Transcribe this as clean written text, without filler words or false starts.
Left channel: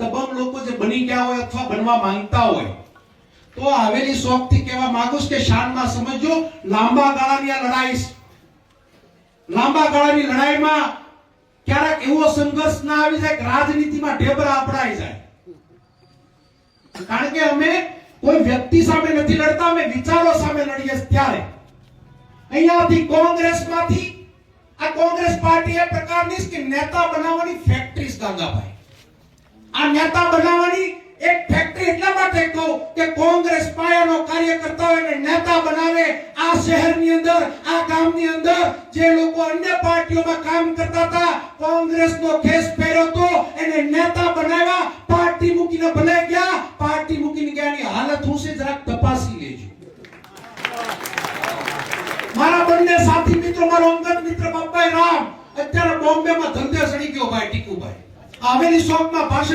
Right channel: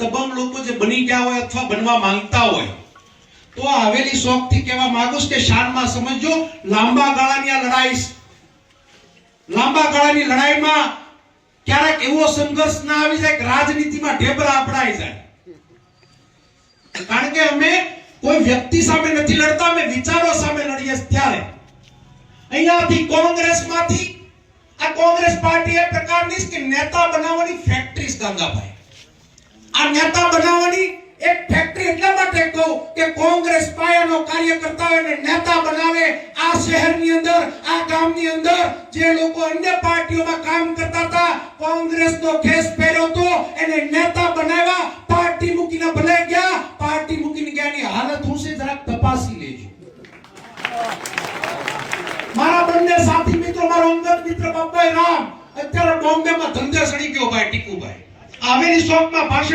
દબંગ લોકો જે બની ગયા હોય અથવા બનવા માંગતા હોય તો હવેલી શોખથી કહેવા માંગુ છું કે શાનમાં સમજો, લાંબા ગાળાની આ લડાઈ, લાંબા ગાળાની લડાઈમાં ક્યારેક એવો સંઘર્ષ ના આવી જાય કે રાજનીતિમાં ઢેબરા આપડાઈ જાય, કારણ કે અમે કોઈ વ્યક્તિ સામે નથી લડતા, અમે વિચારો સામે લડીએ. ત્યારે અહીંયાથી કોંગ્રેસમાંથી આ કોંગ્રેસ પાર્ટી એ પ્રકારની કે નેતા બનાવવાની ફેક્ટરી ગાંગાભાઈ, આ નેતા બનાવવાની એક ફેક્ટરી એટલા માટે કહું કે કોંગ્રેસ પાયાનો કાર્યકર્તા હોય નેતા બનાવે. આ શહેરની અંદર, આ ગામની અંદર જે લોકો અન્ય પાર્ટીઓમાં કામ કરતા હતા, કોંગ્રેસનો ખેસ પહેર્યો તો એને નેતા બનાવ્યા. પાર્ટી મૂકીને ભલે ગયા, પાર્ટી મૂકીને ગયાની હાલત હું છે જરાક તપાસી લેજો. મારા બંને સાથી મિત્રો, મારો અંગત મિત્ર બાબાઈ રામ અત્યારે બોમ્બેમાં ધંધે સડી ગયો ભાઈ ટીકુભાઈ. આવેલી શોખમાં ભાષણ